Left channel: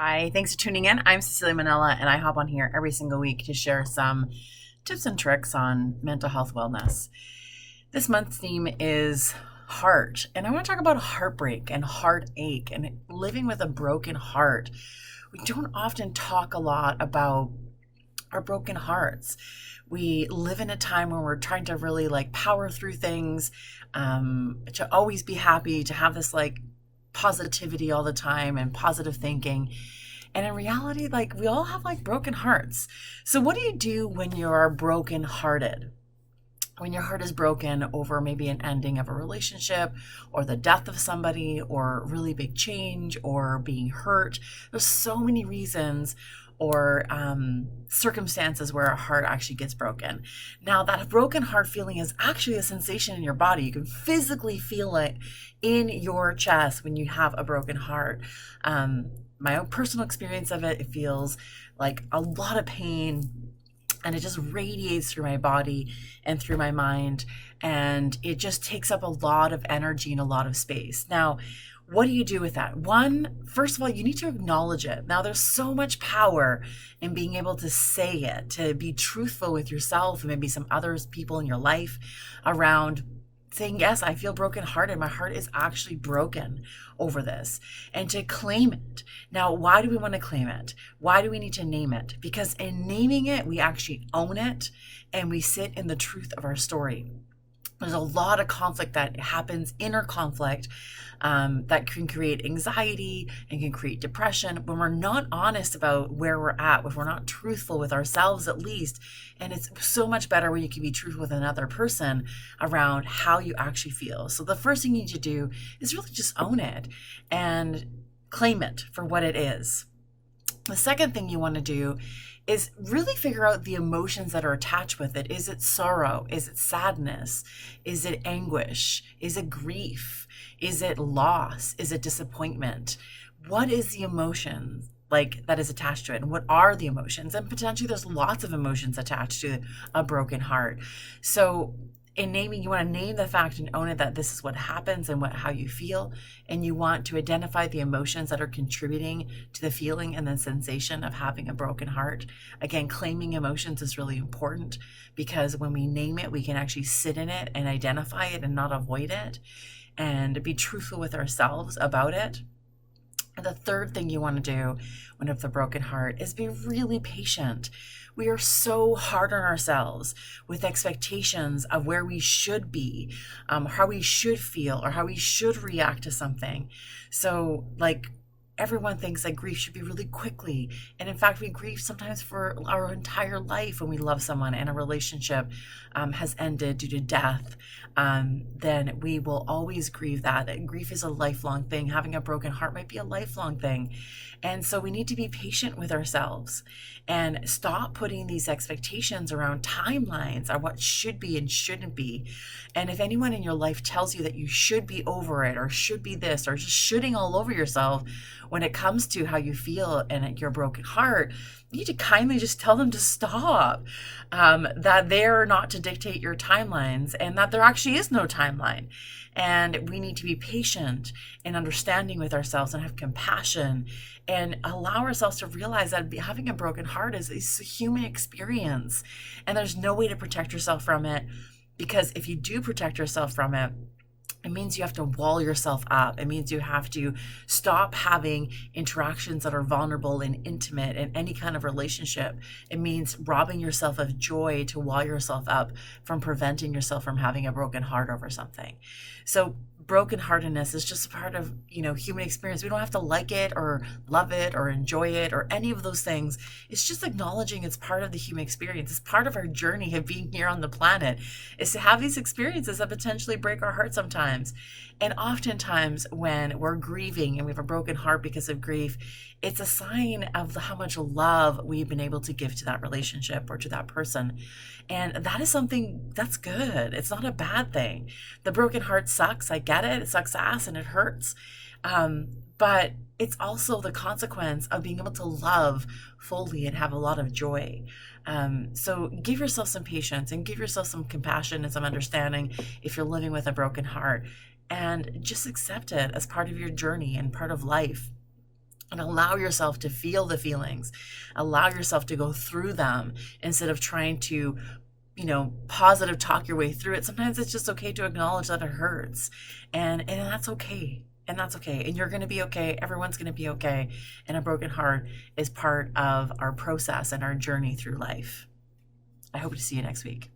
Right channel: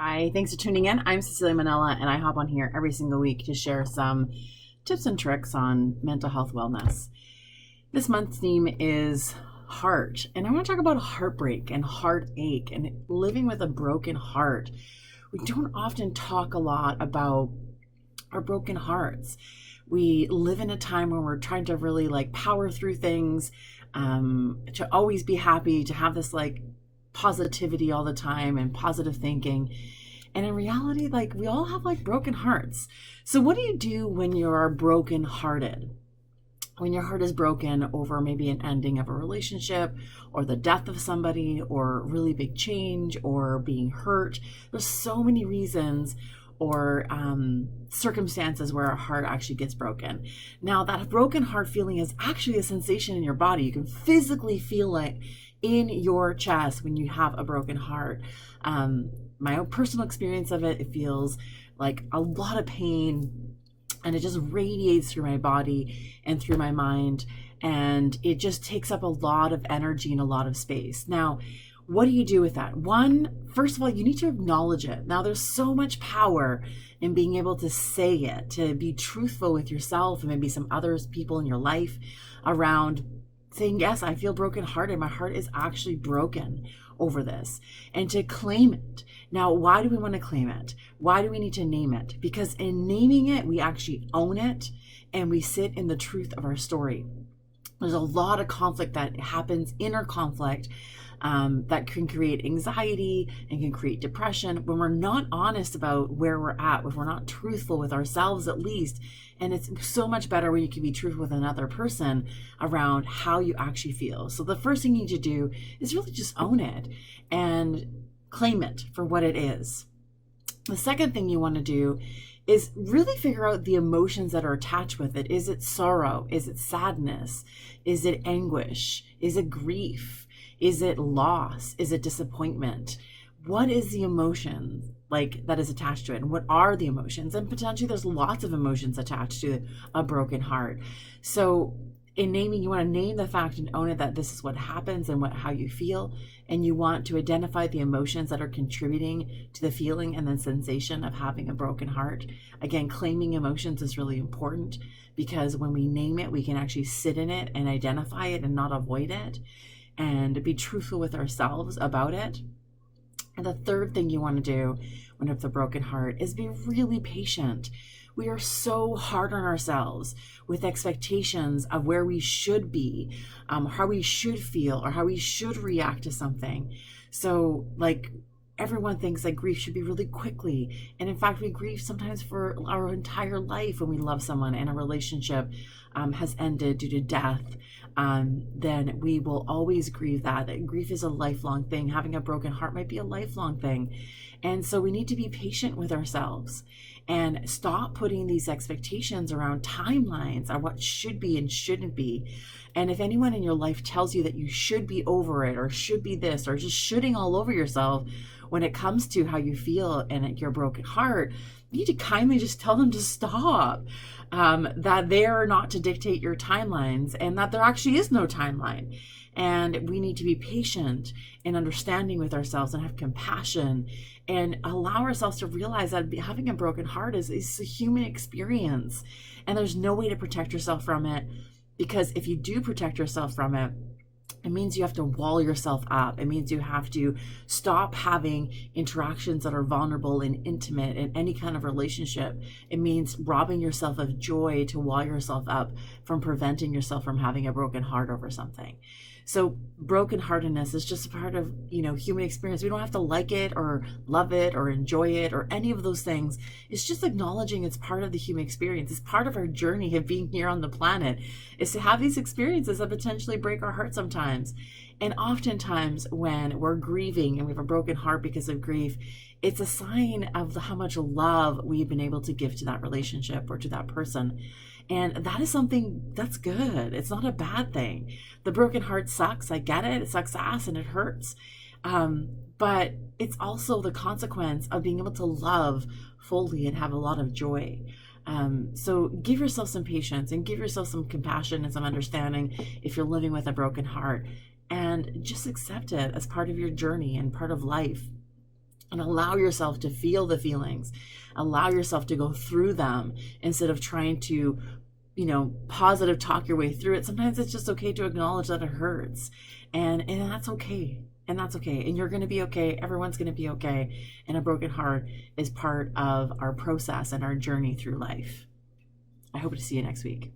Hi, thanks for tuning in. I'm Cecilia Manella, and I hop on here every single week to share some tips and tricks on mental health wellness. This month's theme is heart, and I want to talk about heartbreak and heartache and living with a broken heart. We don't often talk a lot about our broken hearts. We live in a time when we're trying to really power through things, to always be happy, to have this positivity all the time and positive thinking. And in reality, we all have broken hearts. So what do you do when you are broken hearted? When your heart is broken over maybe an ending of a relationship or the death of somebody or really big change or being hurt, there's so many reasons or circumstances where our heart actually gets broken. Now, that broken heart feeling is actually a sensation in your body. You can physically feel it in your chest when you have a broken heart. My own personal experience of it, it feels like a lot of pain, and it just radiates through my body and through my mind, and it just takes up a lot of energy and a lot of space. Now, what do you do with that? First of all, you need to acknowledge it. Now, there's so much power in being able to say it, to be truthful with yourself and maybe some other people in your life around saying, yes, I feel brokenhearted. My heart is actually broken over this, and to claim it. Now, why do we want to claim it? Why do we need to name it? Because in naming it, we actually own it and we sit in the truth of our story. There's a lot of conflict that happens, inner conflict, that can create anxiety and can create depression when we're not honest about where we're at, if we're not truthful with ourselves at least. And it's so much better when you can be truthful with another person around how you actually feel. So the first thing you need to do is really just own it and claim it for what it is. The second thing you want to do is really figure out the emotions that are attached with it. Is it sorrow? Is it sadness? Is it anguish? Is it grief? Is it loss? Is it disappointment? What is the emotion that is attached to it? And what are the emotions? And potentially there's lots of emotions attached to a broken heart. So in naming, you want to name the fact and own it that this is what happens and how you feel. And you want to identify the emotions that are contributing to the feeling and the sensation of having a broken heart. Again, claiming emotions is really important because when we name it, we can actually sit in it and identify it and not avoid it, and be truthful with ourselves about it. And the third thing you want to do when you have a broken heart is be really patient. We are so hard on ourselves with expectations of where we should be, how we should feel, or how we should react to something. So everyone thinks that grief should be really quickly. And in fact, we grieve sometimes for our entire life when we love someone and a relationship has ended due to death. Then we will always grieve that. And grief is a lifelong thing. Having a broken heart might be a lifelong thing. And so we need to be patient with ourselves and stop putting these expectations around timelines on what should be and shouldn't be. And if anyone in your life tells you that you should be over it or should be this or just shooting all over yourself when it comes to how you feel and your broken heart, you need to kindly just tell them to stop, that they're not to dictate your timelines and that there actually is no timeline. And we need to be patient and understanding with ourselves and have compassion and allow ourselves to realize that having a broken heart is a human experience. And there's no way to protect yourself from it, because if you do protect yourself from it, it means you have to wall yourself up. It means you have to stop having interactions that are vulnerable and intimate in any kind of relationship. It means robbing yourself of joy to wall yourself up from preventing yourself from having a broken heart over something. So brokenheartedness is just a part of, human experience. We don't have to like it or love it or enjoy it or any of those things. It's just acknowledging it's part of the human experience. It's part of our journey of being here on the planet, is to have these experiences that potentially break our heart sometimes. And oftentimes when we're grieving and we have a broken heart because of grief, it's a sign of how much love we've been able to give to that relationship or to that person. And that is something that's good. It's not a bad thing. The broken heart sucks. I get it. It sucks ass and it hurts. But it's also the consequence of being able to love fully and have a lot of joy. So give yourself some patience and give yourself some compassion and some understanding if you're living with a broken heart, and just accept it as part of your journey and part of life. and allow yourself to feel the feelings. Allow yourself to go through them instead of trying to, positive talk your way through it. Sometimes it's just okay to acknowledge that it hurts. And that's okay. And that's okay. And you're going to be okay. Everyone's going to be okay. And a broken heart is part of our process and our journey through life. I hope to see you next week.